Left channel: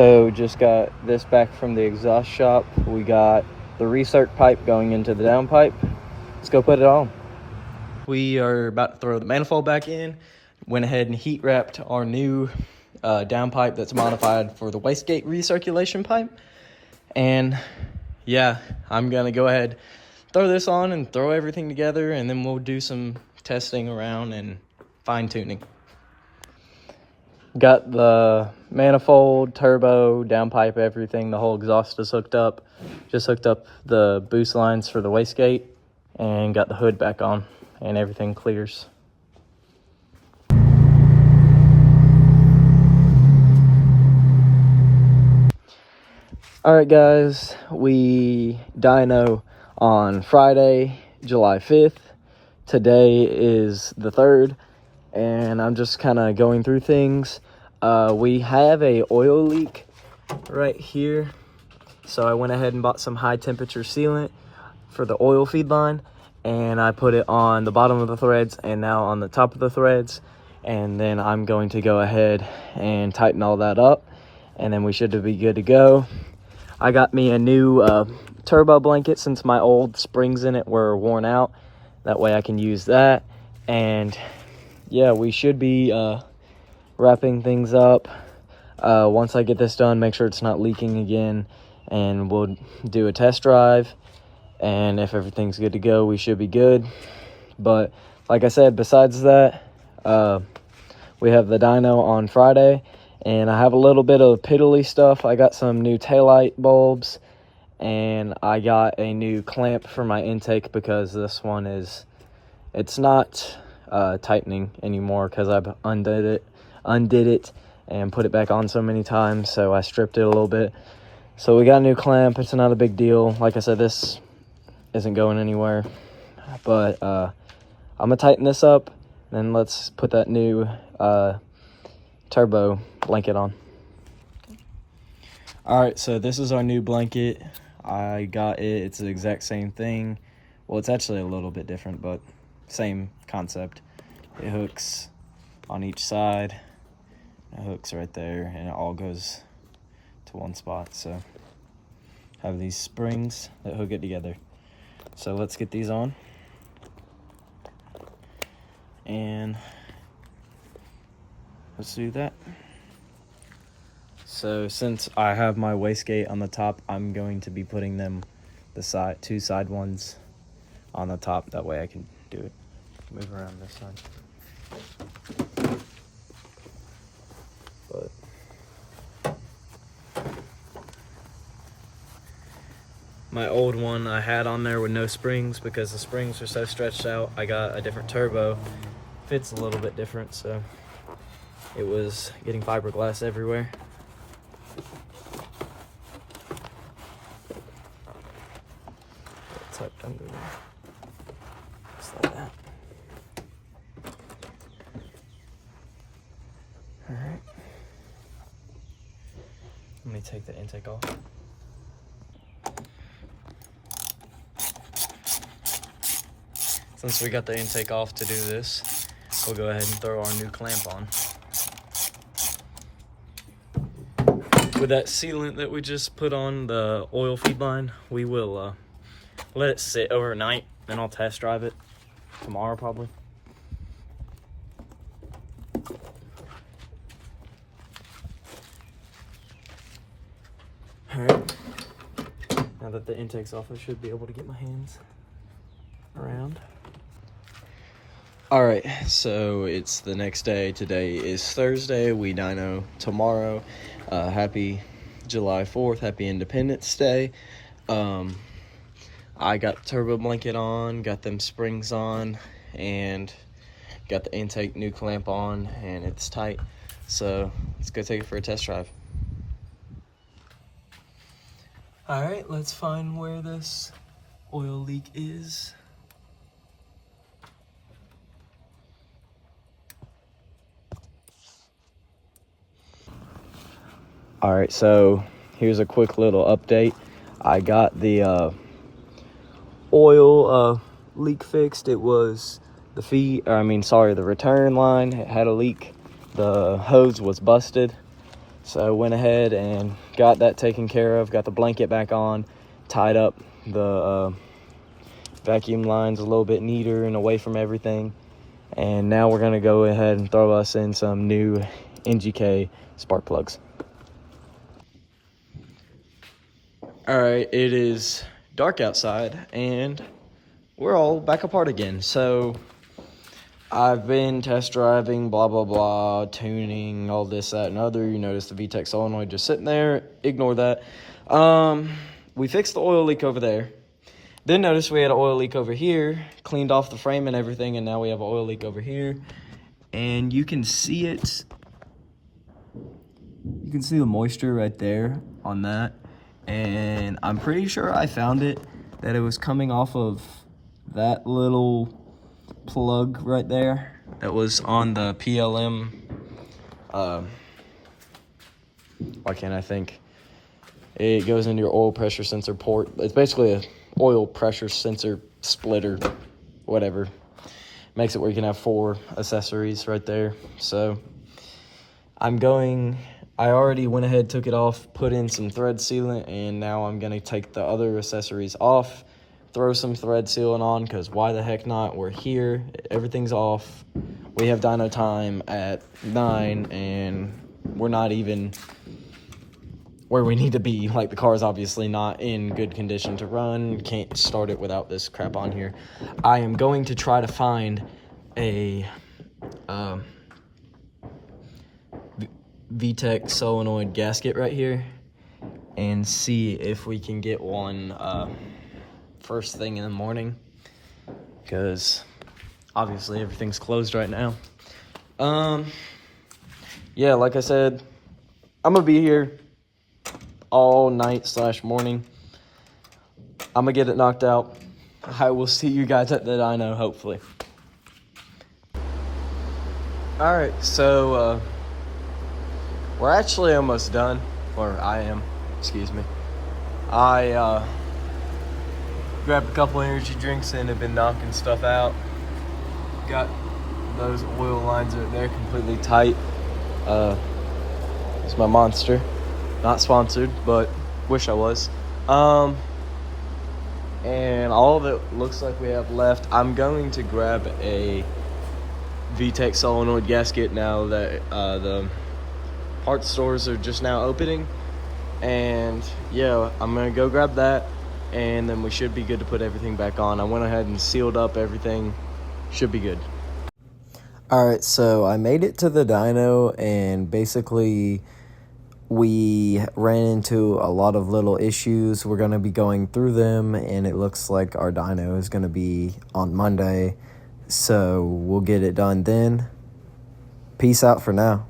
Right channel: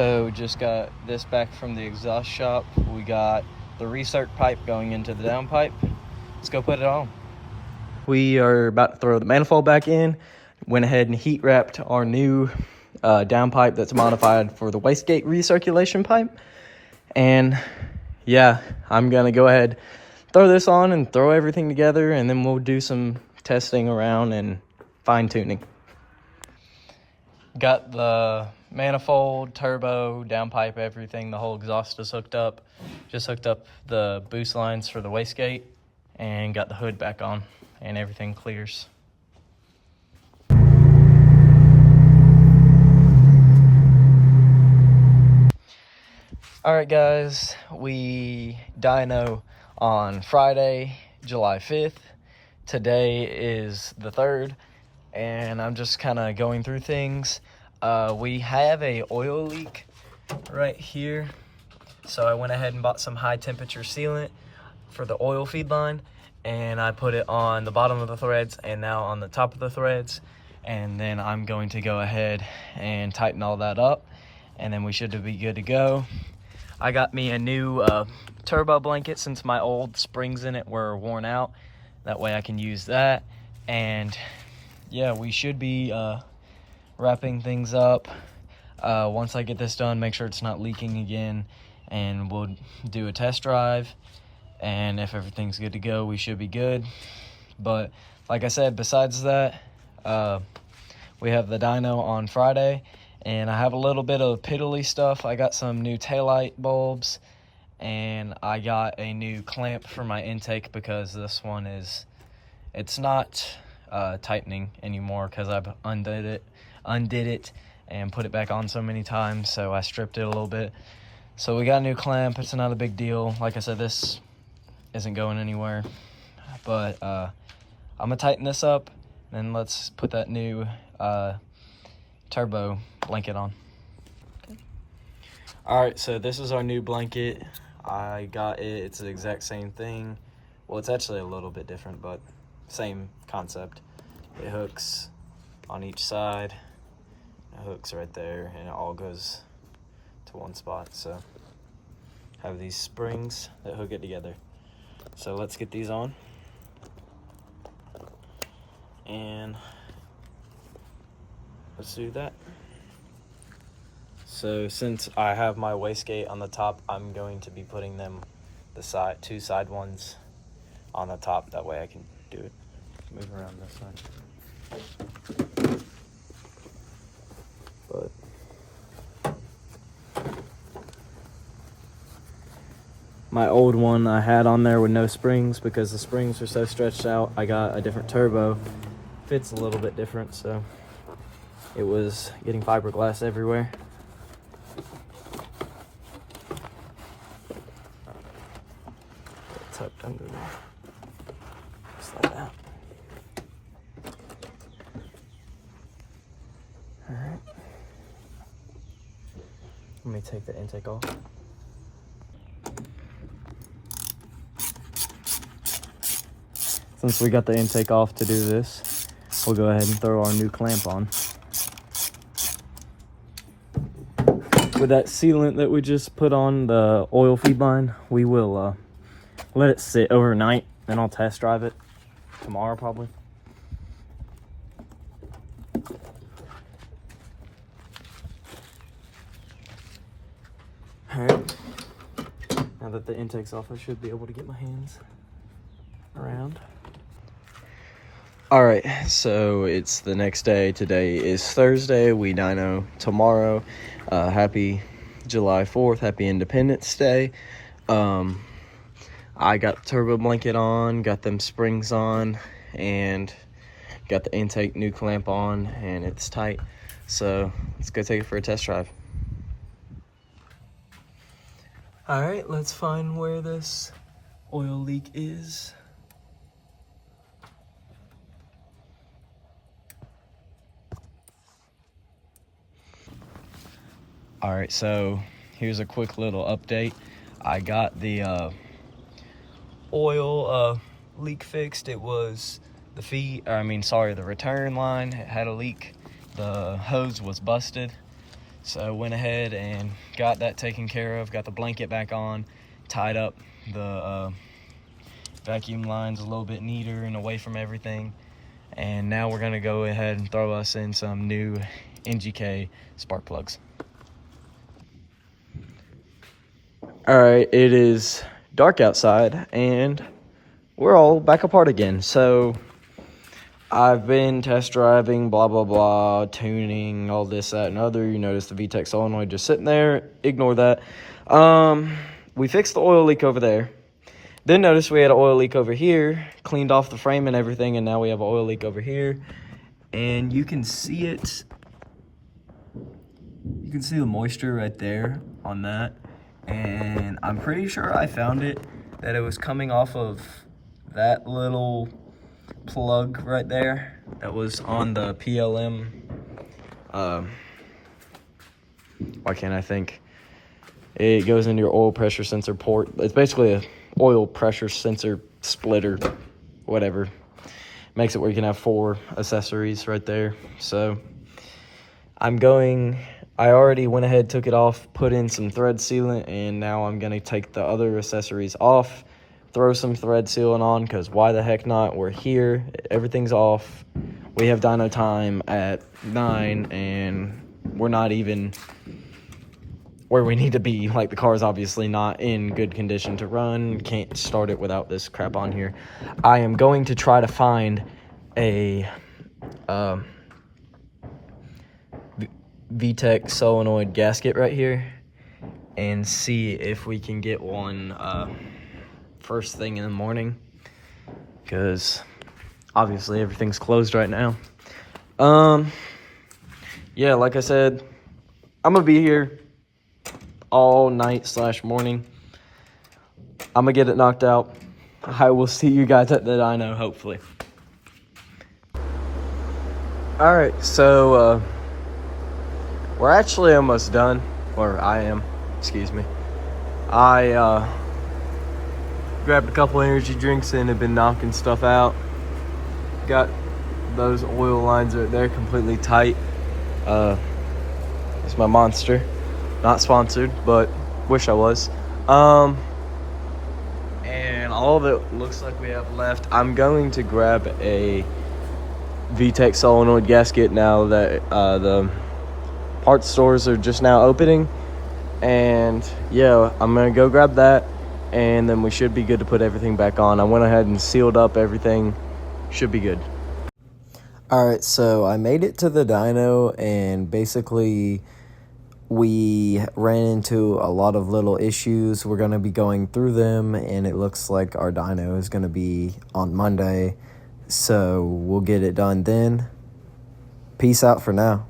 So just got this back from the exhaust shop. We got the recirc pipe going into the downpipe. Let's go put it on. We are about to throw the manifold back in. Went ahead and heat wrapped our new downpipe that's modified for the wastegate recirculation pipe. And yeah, I'm gonna go ahead, throw this on and throw everything together, and then we'll do some testing around and fine tuning. Got the manifold, turbo, downpipe, everything. The whole exhaust is hooked up. Just hooked up the boost lines for the wastegate and got the hood back on, and everything clears. All right, guys, we dyno on Friday, July 5th. Today is the 3rd. And I'm just kind of going through things. We have a oil leak right here, so I went ahead and bought some high temperature sealant for the oil feed line, and I put it on the bottom of the threads and now on the top of the threads, and then I'm going to go ahead and tighten all that up, and then we should be good to go. I got me a new turbo blanket since my old springs in it were worn out. That way I can use that. And yeah, we should be wrapping things up. Once I get this done, make sure it's not leaking again, and we'll do a test drive. And if everything's good to go, we should be good. But like I said, besides that, we have the dyno on Friday, and I have a little bit of piddly stuff. I got some new taillight bulbs, and I got a new clamp for my intake because this one it's not tightening anymore because I've undid it and put it back on so many times, so I stripped it a little bit. So we got a new clamp. It's not a big deal. Like I said, this isn't going anywhere, but I'm gonna tighten this up, and let's put that new turbo blanket on. All right, so this is our new blanket. I got it. It's the exact same thing. Well, it's actually a little bit different, but same concept. It hooks on each side. It hooks right there, and it all goes to one spot. So have these springs that hook it together. So let's get these on. And let's do that. So since I have my wastegate on the top, I'm going to be putting them the two side ones on the top. That way I can do it. Move around this side. But my old one I had on there with no springs because the springs were so stretched out. I got a different turbo. Fits a little bit different, so it was getting fiberglass everywhere. Tucked under there. Just like that. Alright. Let me take the intake off. Since we got the intake off to do this, we'll go ahead and throw our new clamp on. With that sealant that we just put on the oil feed line, we will let it sit overnight, then I'll test drive it tomorrow probably. Alright, now that the intake's off, I should be able to get my hands around. Alright, so it's the next day. Today is Thursday. We dyno tomorrow. Happy July 4th. Happy Independence Day. I got the turbo blanket on, got them springs on, and got the intake new clamp on, and it's tight. So let's go take it for a test drive. Alright, let's find where this oil leak is. All right, so here's a quick little update. I got the oil leak fixed. It was the return line. It had a leak. The hose was busted. So went ahead and got that taken care of, got the blanket back on, tied up the vacuum lines a little bit neater and away from everything. And now we're gonna go ahead and throw us in some new NGK spark plugs. All right, it is dark outside and we're all back apart again. So I've been test driving, blah, blah, blah, tuning, all this, that, and other. You notice the VTEC solenoid just sitting there. Ignore that. We fixed the oil leak over there. Then notice we had an oil leak over here, cleaned off the frame and everything, and now we have an oil leak over here. And you can see it. You can see the moisture right there on that. And I'm pretty sure I found it, that it was coming off of that little plug right there that was on the PLM. Why can't I think? It goes into your oil pressure sensor port. It's basically a oil pressure sensor splitter, whatever. Makes it where you can have 4 accessories right there. So I already went ahead, took it off, put in some thread sealant, and now I'm gonna take the other accessories off, throw some thread sealant on, because why the heck not? We're here, everything's off. We have dyno time at 9, and we're not even where we need to be. Like, the car's obviously not in good condition to run. Can't start it without this crap on here. I am going to try to find a VTEC solenoid gasket right here and see if we can get one first thing in the morning, because obviously everything's closed right now. Yeah, like I said, I'm gonna be here all night / morning. I'm gonna get it knocked out. I will see you guys at the dyno, hopefully. All right, so we're actually almost done, or I am, excuse me. I grabbed a couple energy drinks and have been knocking stuff out. Got those oil lines right there completely tight. It's my Monster. Not sponsored, but wish I was. And all that looks like we have left, I'm going to grab a VTEC solenoid gasket now that the parts stores are just now opening. And yeah, I'm gonna go grab that, and then we should be good to put everything back on. I went ahead and sealed up everything. Should be good. All right, so I made it to the dyno, and basically we ran into a lot of little issues. We're going to be going through them, and it looks like our dyno is going to be on Monday, so we'll get it done then. Peace out for now.